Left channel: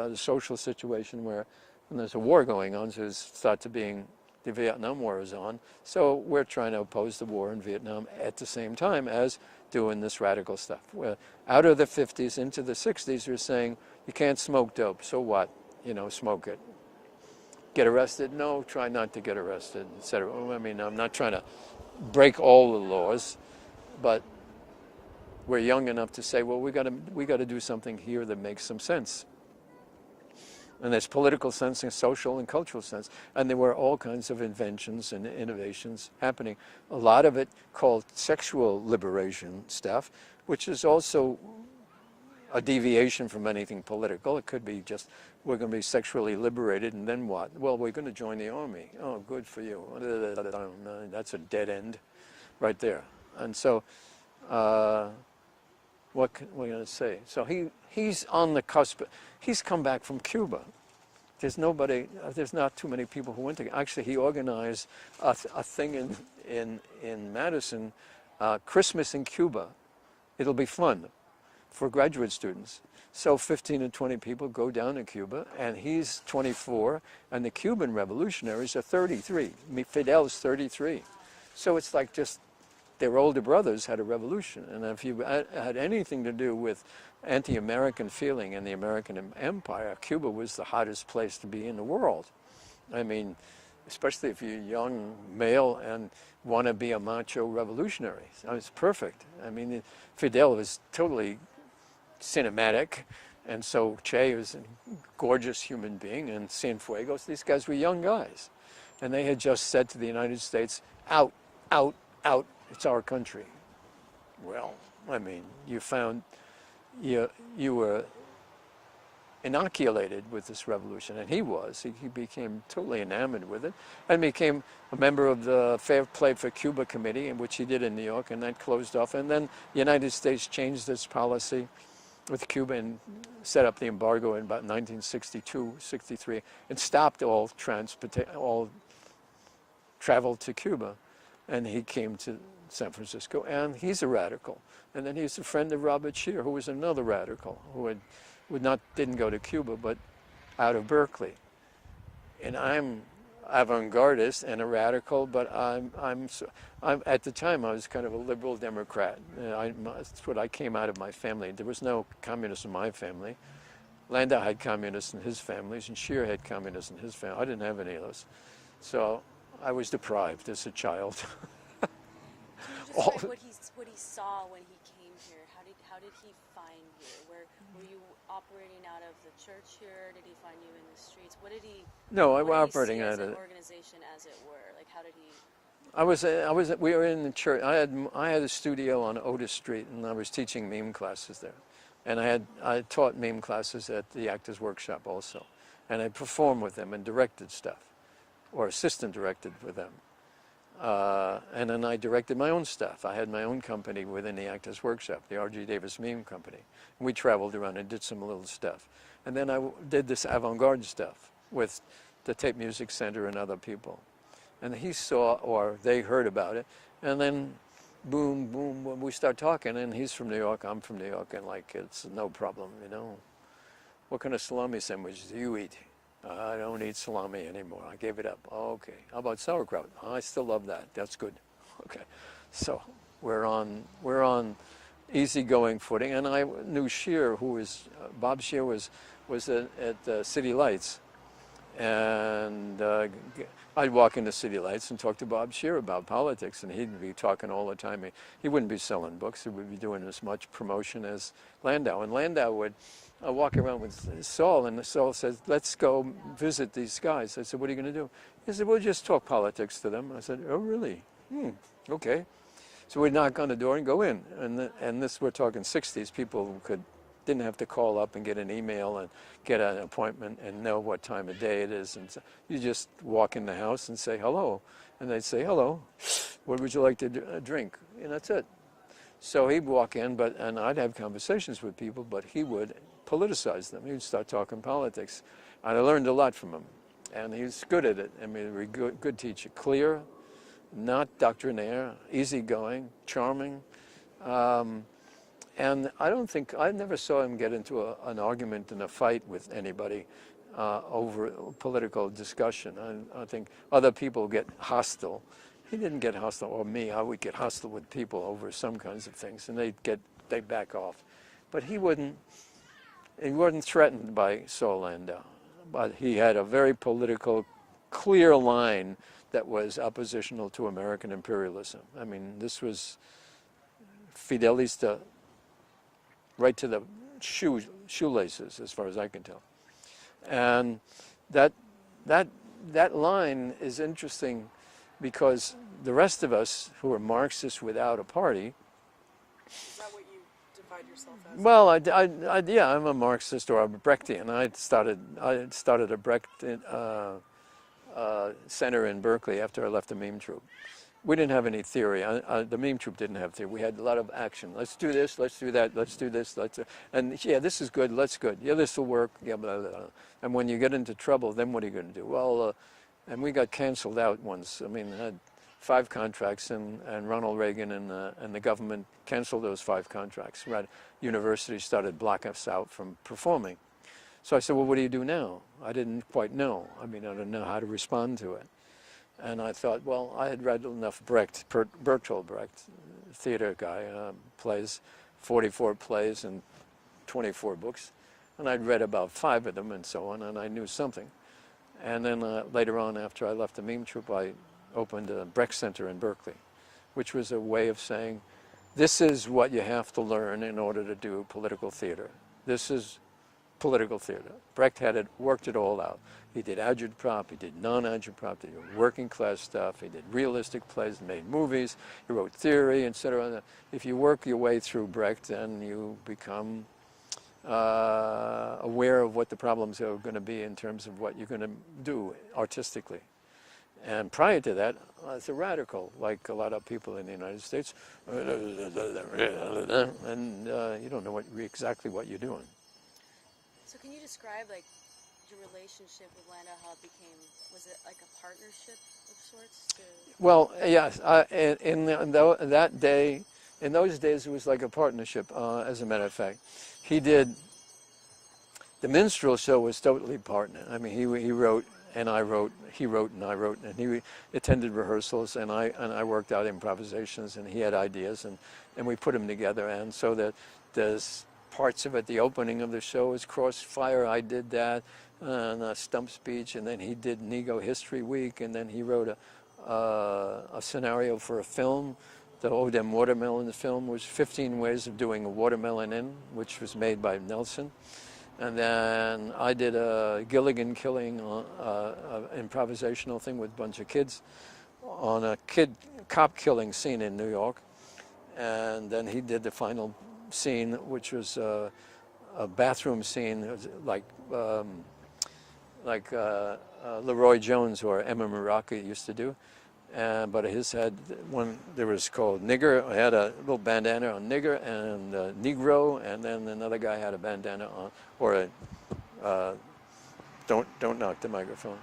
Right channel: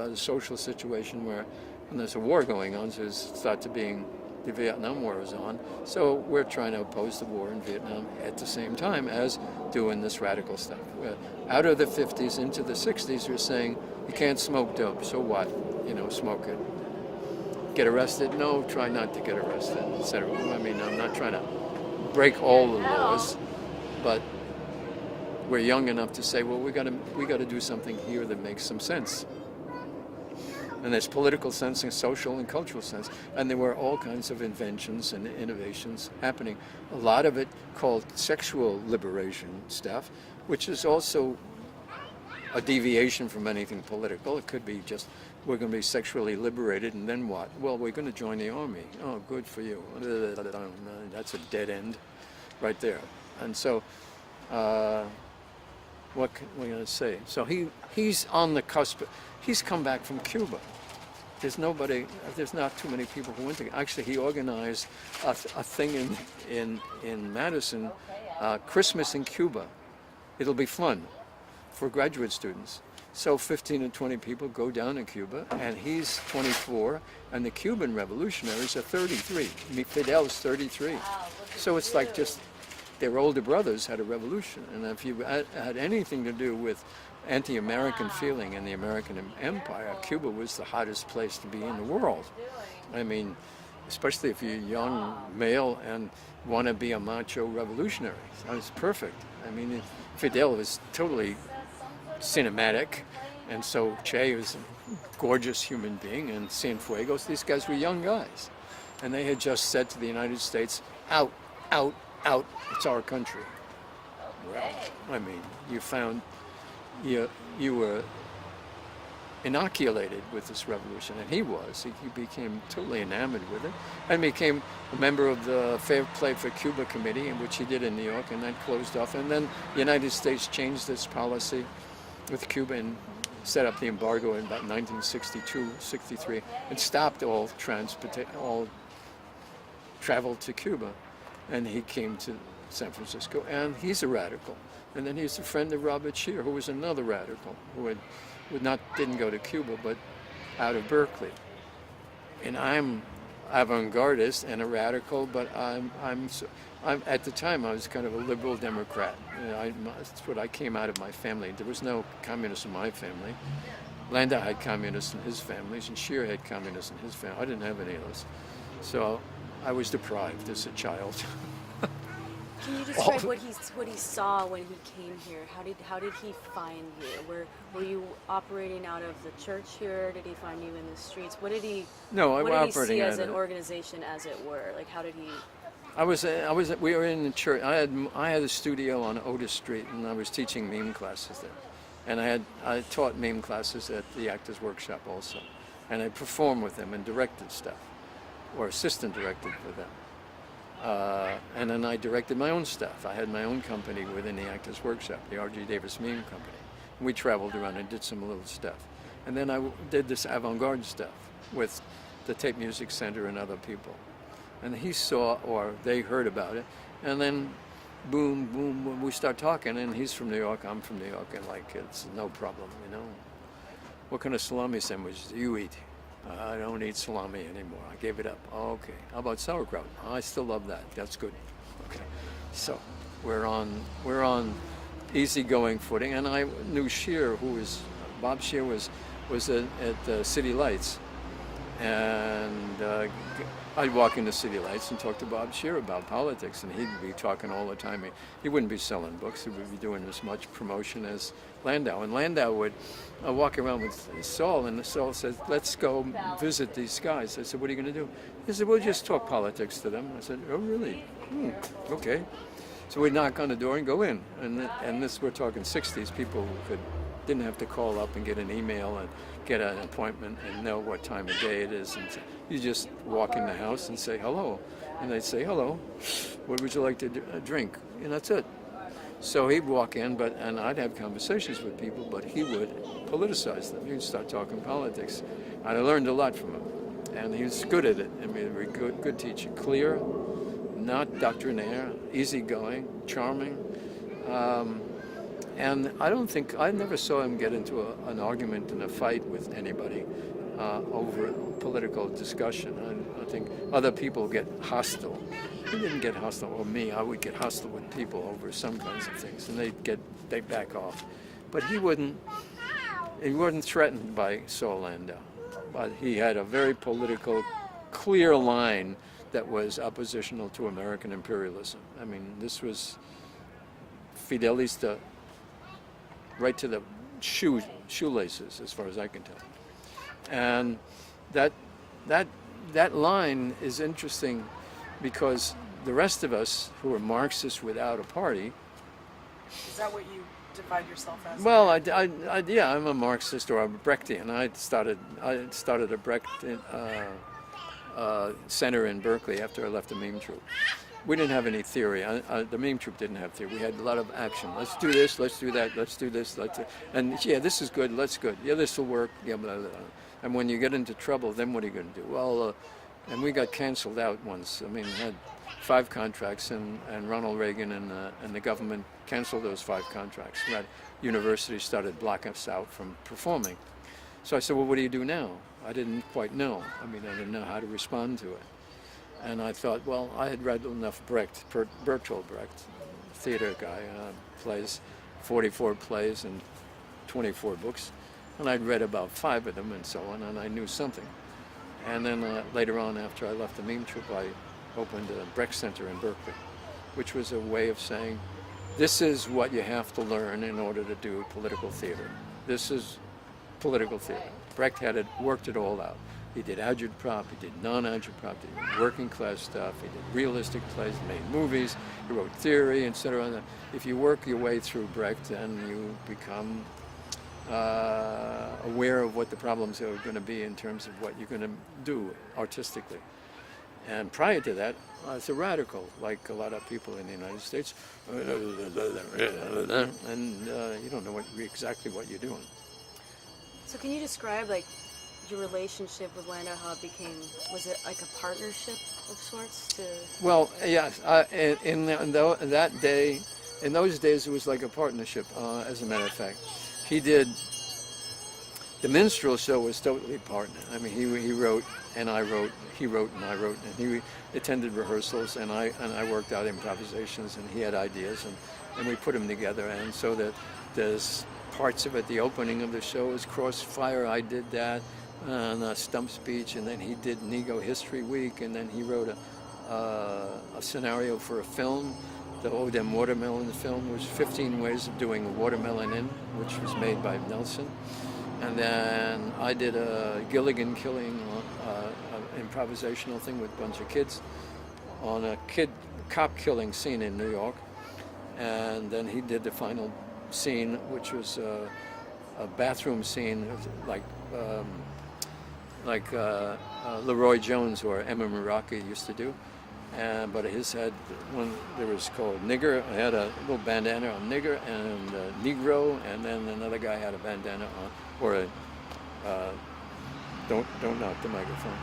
about a social situation where when there's a war going on, so it's thought to being the Vietnam War is on. So we're trying to oppose the war in Vietnam at the same time as doing this radical stuff. We're out of the 50s into the 60s, you're saying you can't smoke dope. So what? You know, smoke it. Get arrested? No, try not to get arrested, etc. I mean, I'm not trying to break all the laws, but we're young enough to say, well, we got to do something here that makes some sense. And there's political sense and social and cultural sense. And there were all kinds of inventions and innovations happening. A lot of it called sexual liberation stuff, which is also a deviation from anything political. It could be just, we're going to be sexually liberated, and then what? Well, we're going to join the army. Oh, good for you. That's a dead end right there. And so, what can we going to say? So he's on the cusp. He's come back from Cuba. There's not too many people who went to. Actually, he organized a thing in Madison, Christmas in Cuba. It'll be fun for graduate students. So 15 and 20 people go down to Cuba, and he's 24, and the Cuban revolutionaries are 33. Fidel's 33. So it's like just their older brothers had a revolution, and if you had anything to do with anti-American feeling in the American empire, Cuba was the hottest place to be in the world. I mean, especially if you're a young male and want to be a macho revolutionary. So it's perfect. I mean, Fidel was totally cinematic, and so Che was a gorgeous human being, and Cienfuegos, these guys were young guys. And they had just said to the United States, out, out, out, it's our country. Well, I mean, you were inoculated with this revolution, and he was. He became totally enamored with it, and became a member of the Fair Play for Cuba Committee, in which he did in New York, and that closed off. And then the United States changed its policy with Cuba and set up the embargo in about 1962, 63. It stopped all travel to Cuba, and he came to San Francisco, and he's a radical. And then he's a friend of Robert Scheer, who was another radical, who didn't go to Cuba, but out of Berkeley. And I'm avant-gardist and a radical, but I'm at the time I was kind of a liberal Democrat. That's what I came out of my family. There was no communists in my family. Landau had communists in his families, and Scheer had communists in his family. I didn't have any of those, so I was deprived as a child. Can you describe what he saw when he came here? How did he find you? Were you operating out of the church here? Did he find you in the streets? What did he? No, what I'm did he operating see out as of an organization, as it were? Like, how did he? We were in the church. I had a studio on Otis Street, and I was teaching meme classes there. And I taught meme classes at the Actors Workshop also, and I performed with them and directed stuff, or assistant directed for them. And then I directed my own stuff. I had my own company within the Actors Workshop, the RGDavis Meme Company. And we traveled around and did some little stuff. And then I did this avant-garde stuff with the Tape Music Center and other people. And he saw, or they heard about it, and then boom, boom, boom, we start talking, and he's from New York, I'm from New York, and like, it's no problem, you know. What kind of salami sandwiches do you eat? I don't eat salami anymore. I gave it up. Oh, okay. How about sauerkraut? I still love that. That's good. Okay. So we're on easygoing footing, and I knew Scheer, Bob Scheer was at City Lights, and I'd walk into City Lights and talk to Bob Scheer about politics, and he'd be talking all the time. He wouldn't be selling books. He would be doing as much promotion as Landau. And Landau would walk around with Saul, and Saul says, let's go visit these guys. I said, what are you going to do? He said, we'll just talk politics to them. I said, oh, really? Okay. So we'd knock on the door and go in. And this, we're talking 60s. People didn't have to call up and get an email and get an appointment and know what time of day it is. And you just walk in the house and say hello. And they'd say, hello, what would you like to drink? And that's it. So he'd walk in, and I'd have conversations with people, but he would politicize them. He would start talking politics. I learned a lot from him, and he was good at it. I mean, a good teacher, clear, not doctrinaire, easygoing, charming. And I never saw him get into an argument and a fight with anybody over political discussion. I think other people get hostile. He didn't get hostile, or me. I would get hostile with people over some kinds of things, and they'd back off. But he wasn't threatened by Saul Landau. But he had a very political, clear line that was oppositional to American imperialism. I mean, this was Fidelista right to the shoelaces, as far as I can tell. And that line is interesting because the rest of us who are Marxists without a party. Is that what you define yourself as? Well, yeah, I'm a Marxist or a Brechtian. I started a Brecht center in Berkeley after I left the Mime Troupe. We didn't have any theory. The Mime Troupe didn't have theory. We had a lot of action. Let's do this. Let's do that. Let's do this. And yeah, this is good. Let's good. Yeah, this will work. Yeah, blah, blah, blah. And when you get into trouble, then what are you going to do? Well, and we got canceled out once. I mean, we had 5 contracts, and Ronald Reagan and the government canceled those 5 contracts. Right? Universities started blocking us out from performing. So I said, well, what do you do now? I didn't quite know. I mean, I didn't know how to respond to it. And I thought, well, I had read enough Brecht, Bertolt Brecht, theater guy, plays, 44 plays and 24 books. And I'd read about 5 of them and so on, and I knew something. And then later on, after I left the Mime Troupe, I opened a Brecht Center in Berkeley, which was a way of saying, this is what you have to learn in order to do political theater. This is political theater. Brecht had worked it all out. He did agitprop, he did non-agitprop, he did working class stuff, he did realistic plays, made movies, he wrote theory, etc. If you work your way through Brecht, then you become aware of what the problems are going to be in terms of what you're going to do artistically. And prior to that, I was a radical, like a lot of people in the United States, and you don't know exactly what you're doing. So can you describe like your relationship with Landau, how it became, was it like a partnership of sorts? Well, yes, in those days it was like a partnership, as a matter of fact. He did, the minstrel show was totally partner. I mean, he wrote and I wrote, he wrote and I wrote, and he attended rehearsals, and I worked out improvisations, and he had ideas, and we put them together. And so that there's parts of it, the opening of the show was Crossfire, I did that, and a stump speech, and then he did Nego History Week, and then he wrote a scenario for a film. The Odem Watermelon film was 15 ways of doing a watermelon in, which was made by Nelson. And then I did a Gilligan killing, improvisational thing with a bunch of kids on a cop killing scene in New York. And then he did the final scene, which was a bathroom scene, like Leroy Jones or Emma Meraki used to do. But his had one, there was called Nigger. I had a little bandana on Nigger and Negro, and then another guy had a bandana on, or a, don't knock the microphone,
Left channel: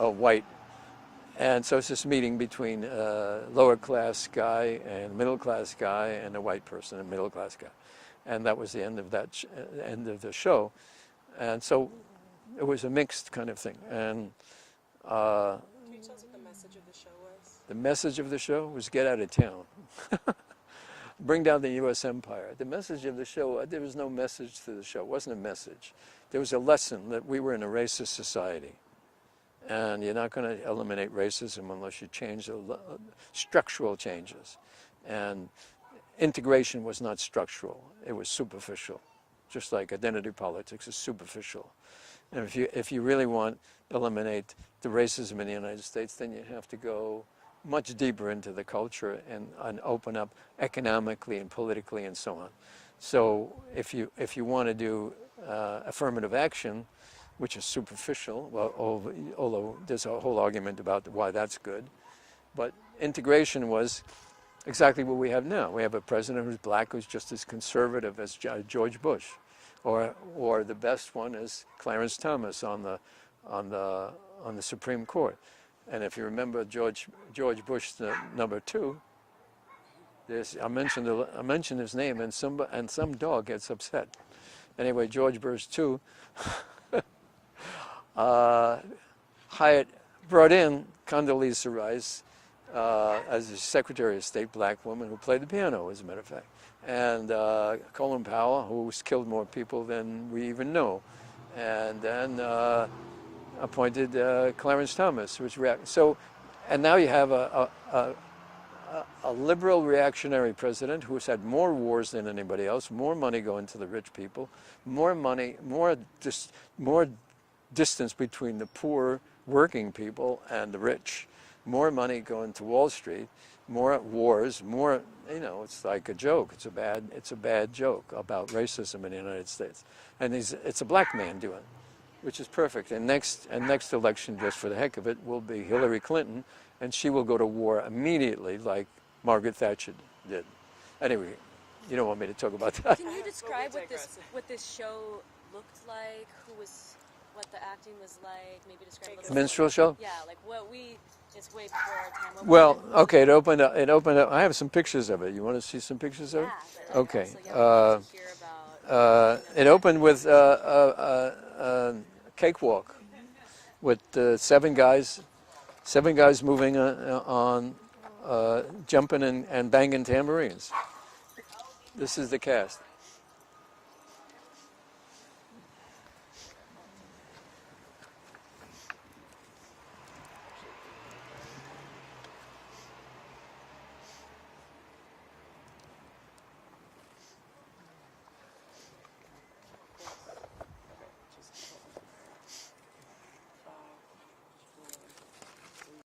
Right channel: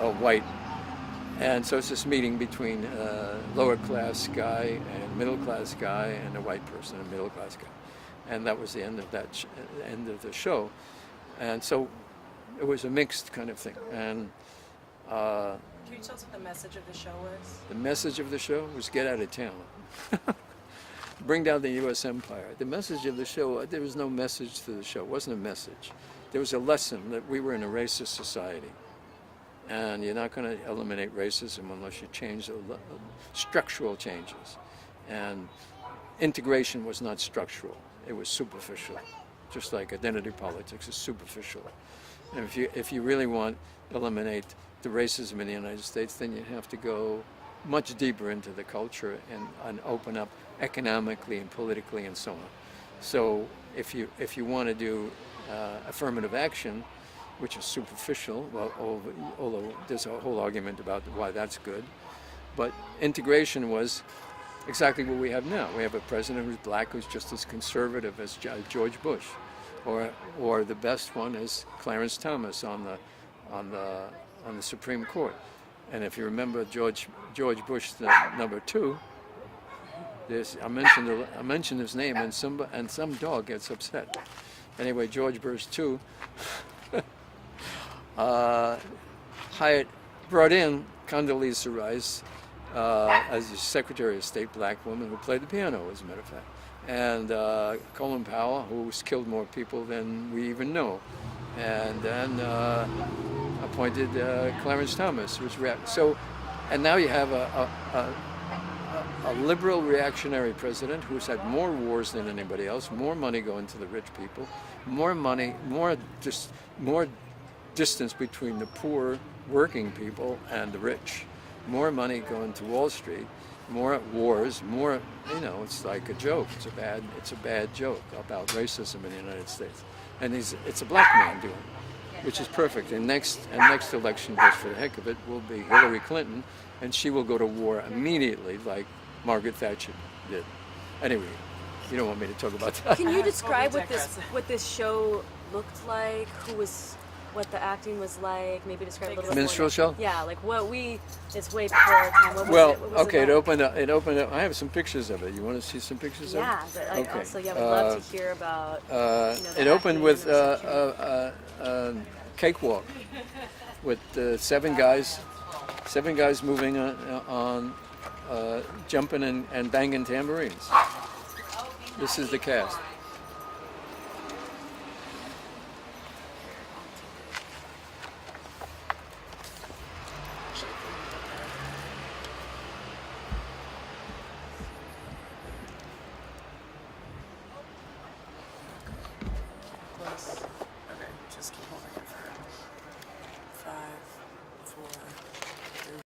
a white. And so it's this meeting between a lower class guy and middle class guy and a white person, a middle class guy. And that was the end of that, end of the show. And so it was a mixed kind of thing. And can you tell us what the message of the show was? The message of the show was get out of town. Bring down the U.S. empire. The message of the show, there was no message to the show. It wasn't a message. There was a lesson that we were in a racist society. And you're not going to eliminate racism unless you change the structural changes. And integration was not structural. It was superficial. Just like identity politics is superficial. And if you really want to eliminate the racism in the United States, then you have to go much deeper into the culture and open up economically and politically and so on. So if you want to do affirmative action, which is superficial, well, although there's a whole argument about why that's good, but integration was exactly what we have now. We have a president who's black, who's just as conservative as George Bush, or the best one is Clarence Thomas on the Supreme Court. And if you remember George Bush, the number 2, I mentioned his name, and some dog gets upset. Anyway, George Burst too. Hyatt brought in Condoleezza Rice as the Secretary of State, black woman who played the piano, as a matter of fact, and Colin Powell, who's killed more people than we even know, and then appointed Clarence Thomas, which so, and now you have a liberal reactionary president who's had more wars than anybody else, more money going to the rich people, more money, more distance between the poor working people and the rich, more money going to Wall Street, more wars, more, it's like a joke. It's a bad joke about racism in the United States. And it's a black man doing it, which is perfect. And next election, just for the heck of it, will be Hillary Clinton, and she will go to war immediately, like Margaret Thatcher did. Anyway, you don't want me to talk about that. Can you describe what this show looked like? What the acting was like? Maybe describe a little bit. Minstrel show? Yeah, like it's way before our time. Well, okay, it opened up. I have some pictures of it. You want to see some pictures of it? Yeah, but okay. Also, we'd love to hear about. It opened with cakewalk with seven guys moving on, jumping and banging tambourines. This is the cast.